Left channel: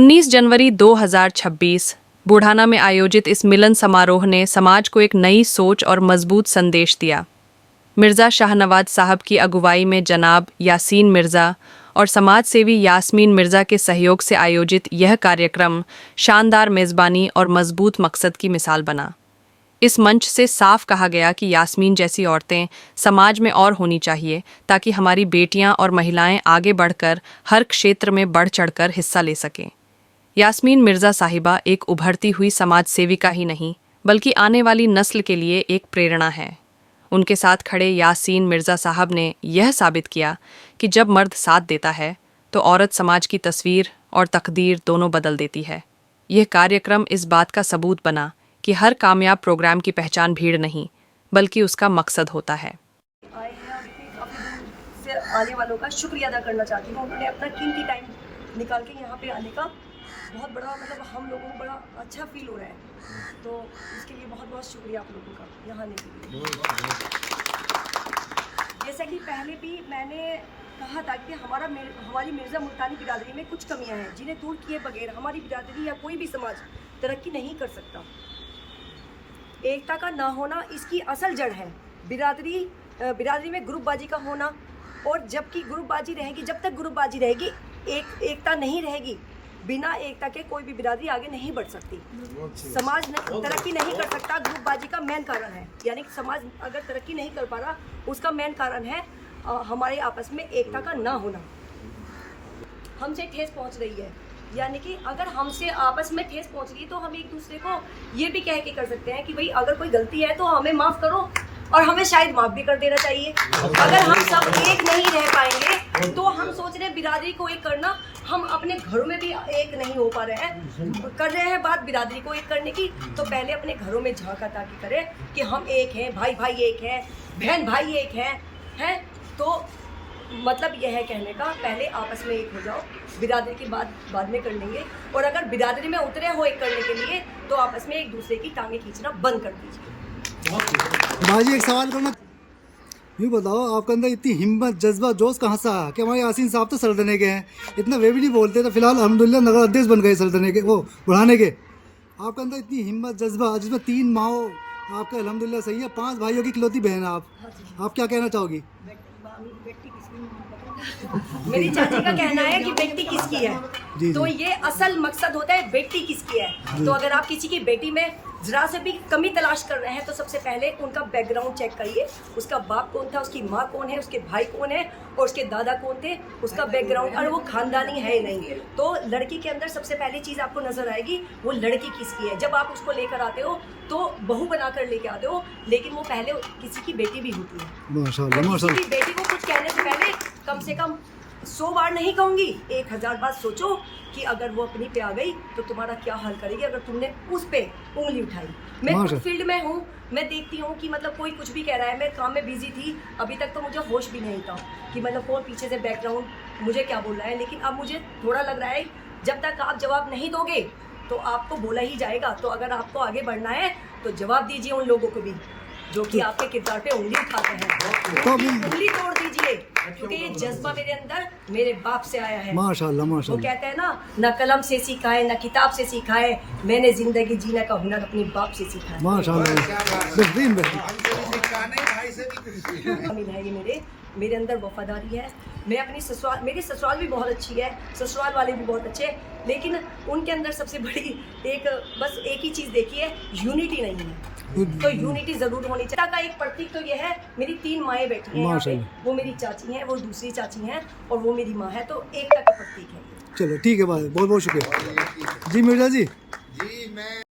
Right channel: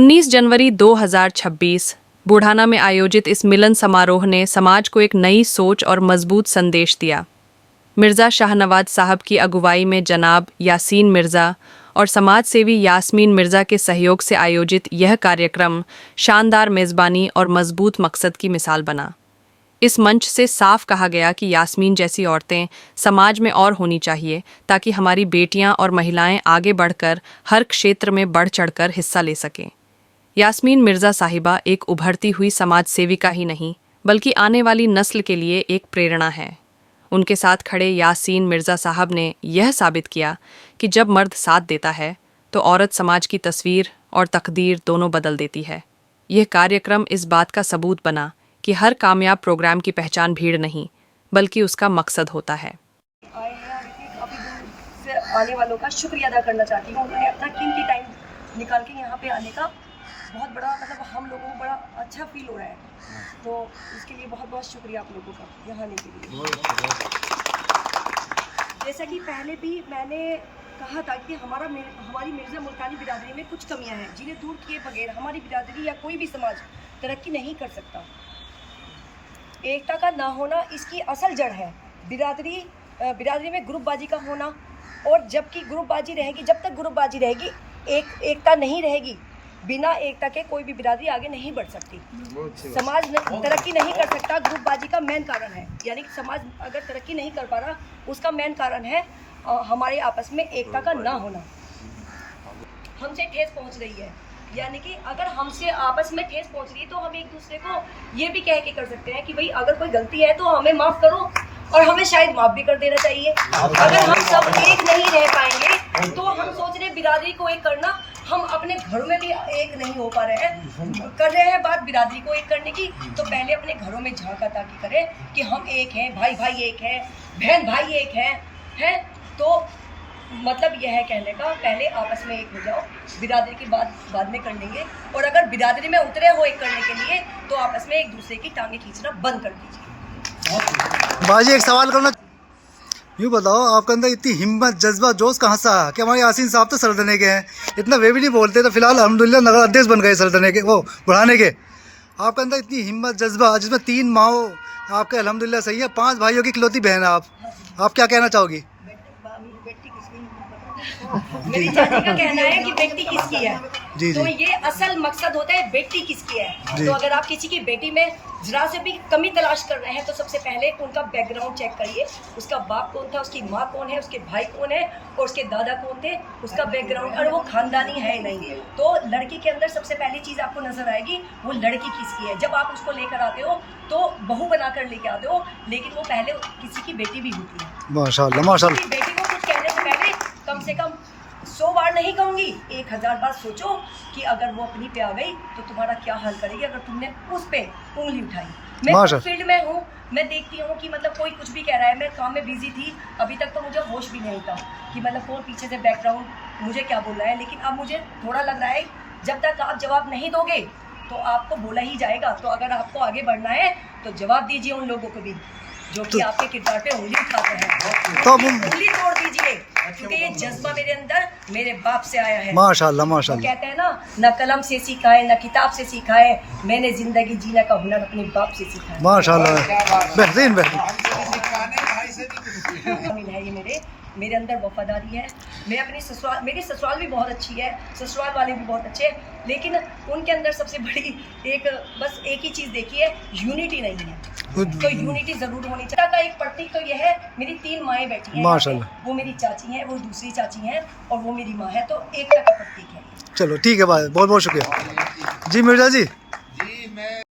19 जनवरी 2026 बुढ़ाना में आयोजित इस मिलन समारोह ने समाज को एक नई सोच और मजबूत संदेश दिया। मिर्ज़ा शाहनवाज साहब की अगुवाई में जनाब यासीन मिर्ज़ा और समाज सेवी यास्मीन मिर्ज़ा के सहयोग से आयोजित यह कार्यक्रम शानदार मेज़बानी और मजबूत मकसद की मिसाल बना। इस मंच से साफ कहा गया कि यास्मीन जैसी औरतें समाज में और होनी चाहिए ताकि हमारी बेटियां और महिलाएं आगे बढ़कर हर क्षेत्र में बढ़ चढ़कर हिस्सा ले सकें। यास्मीन मिर्ज़ा साहिबा एक उभरती हुई समाज सेविका ही नहीं बल्कि आने वाली नस्ल के लिए एक प्रेरणा है। उनके साथ खड़े यासीन मिर्ज़ा साहब ने यह साबित किया कि जब मर्द साथ देता है तो औरत समाज की तस्वीर और तकदीर दोनों बदल देती है। यह कार्यक्रम इस बात का सबूत बना कि हर कामयाब प्रोग्राम की पहचान भीड़ नहीं बल्कि उसका मकसद होता है। आए हैं और इतनी काफ़ी दूर से आने वालों का शुक्रिया अदा करना चाहती हूँ। उन्होंने अपना कीमती टाइम निकाल के यहाँ पे आने का बहुत बड़ा हम लोगों को बड़ा अच्छा फील हो रहा है, तो इसके लिए बहुत बहुत शुक्रिया आप लोगों का यहाँ आने के लिए। जैसा कि पहले भी मैंने कहा था कि हमारी मिर्ज़ा मुल्तानी बिरादरी में कुछ कमियाँ हैं जिन्हें दूर किए बगैर हमारी बिरादरी या कोई भी समाज तरक्की नहीं कर सकता। एकता का ना होना इसकी असल जड़ है। बिरादरी में ग्रुपबाजी का होना, और जबकि ग्रुपबाजी रहेगी, जब तक ग्रुपबाजी रहेगी एकता नहीं रहेगी। बिना एकता के कोई भी बिरादरी आगे नहीं बढ़ सकती, समाज तरक्की नहीं कर सकता। ग्रुपबाजी का मेन कारण है, यानी कि समाज अगर तरक्की नहीं कर पा रहा उसका मेन कारण है हमारे आपस में एकता का ना होना। हमसे ठेस पहुंच रही है, यानी कि अगर हमसे आपस में ठेस पहुंच रही है तो हम एक दूसरे को ये भी कह के कर सकते हैं कि भाई अगर कोई गलती है तो हमें माफ़ करो, और हमें शायद माफ़ भी कर देना चाहिए। अगर हम सब एक नहीं रह पाएंगे तो हम सोच रहे हैं बिरादरी को एक करना, हम अपने घरों में भी एक नहीं हो पा रहे हैं। कर रहे हैं बात बिरादरी को एक करने की, तो पहले अपने घरों में झांका ताकि करें कि हम एक हैं, भाई भाई एक हैं, बहन भाई एक हैं। तो मतलब यह है कहने का, पहले आपस में एक हो जाओ, बिरादरी की बात बाद में कर लेंगे। और अगर बिरादरी में उतरे हो एक करने के लिए तो आपस में एक दूसरे की टांगें खींचना बंद कर दीजिए। बाजी एक सवाल करना, यूँ बताओ आपके अंदर इतनी हिम्मत, जज्बा, जोश कहाँ से आया कि हमारे यासीन साहब तो सरदने के हैं, इतना वे भी नहीं बोलते, तो फिलहाल अल्हम्दुलिल्लाह नगर अध्यक्ष बन गए सरदने के, वो बढ़ाने के। आपके अंदर इतनी हिम्मत, जज्बा, जिसमें 3 माओ आपके अल्हम्दुलिल्लाह सही है, 5 भाइयों की इकलौती बहन है आप क्या कहना चाहोगी? मेरी चाची का कहना है कि बेटी किसकी है, जी, तो जी। ये असल मकसद होता है बेटी किसकी है। तो अगर आप किसी की बेटी में जरा से भी कमी तलाश कर रहे हैं तो सबसे पहले उनका बैकग्राउंड चेक करिए, उसका बाप कौन था, उसकी माँ कौन है, उसके भाई कौन है और उसके दादा कौन थे, उसका बैकग्राउंड, और वो खानदानी है नहीं। तो लड़की के अंदर सबसे पहली चीज़ आपको नजर आएगी वो लड़की किसकी है। जब आप उसको लेकर आते हो तो बहू बनाकर लेके आते हो, लेकिन वो पहले किसी की बेटी भी होती है। माशाल्लाह माशाल्लाह। बेटी को कुछ कहने से पहले कम से कम 100 बार नहीं कहूँगी, 1000 बार सोचो कि अगर वो अपनी पे आ गई तो तुम्हारा क्या हाल करेगी अगर तुमने उस पे उंगली उठाई। मैं फील्ड में हूँ, मैं देखती हूँ कि मतलब कोई कुछ भी कह रहा है, मैं काम में बिजी थी, अभी तक तो मुझे होश भी नहीं था कि मतलब कौन पीछे से बैकग्राउंड मुझे क्या बोल रहा है। लेकिन अब मुझे थोड़ा लग रहा है जब तक आप जवाब नहीं दोगे तो आपको बोला ही जाएगा। तो अगर आपको आगे बढ़ना है तो जवाब दीजिए उन लोगों को भी जो कि आपके किरदार पे उंगली उठाते हैं, तो उंगली तोड़ दीजिए, क्योंकि ये जज्बा मेरे अंदर मेरे बाप से आया है। माशाल्लाह वो माशाल्लाह। कहते हैं ना कलम से सीखा है, न किताब से सीखा है, मैंने जिंदगी जीने का हुनर अपने बाप से सीखा है। माशाल्लाह, बेहतरीन बेहतरीन। है ये मेरे अंदर वफादारी है। मैं अपनी ससुराल, मेरी ससुराल भी बहुत अच्छी है, ससुराल वाले भी बहुत अच्छे हैं, लेकिन उनके अंदर सबसे बड़ी बस एक ही चीज़ देखी है, यूनिटी नहीं है। तो यूनिटी ज़रूर होनी चाहिए। का एक प्रतीक तो ये है, मेरी 3 माएँ बैठी हैं माशाल्लाह, वो मेरी चाची हैं, वो दूसरी चाची हैं और वो मेरी माँ है, तो एकता का प्रतीक है। चलो ठीक है भाई, बहुत बहुत शुक्रिया जी मिर्ज़ा जी।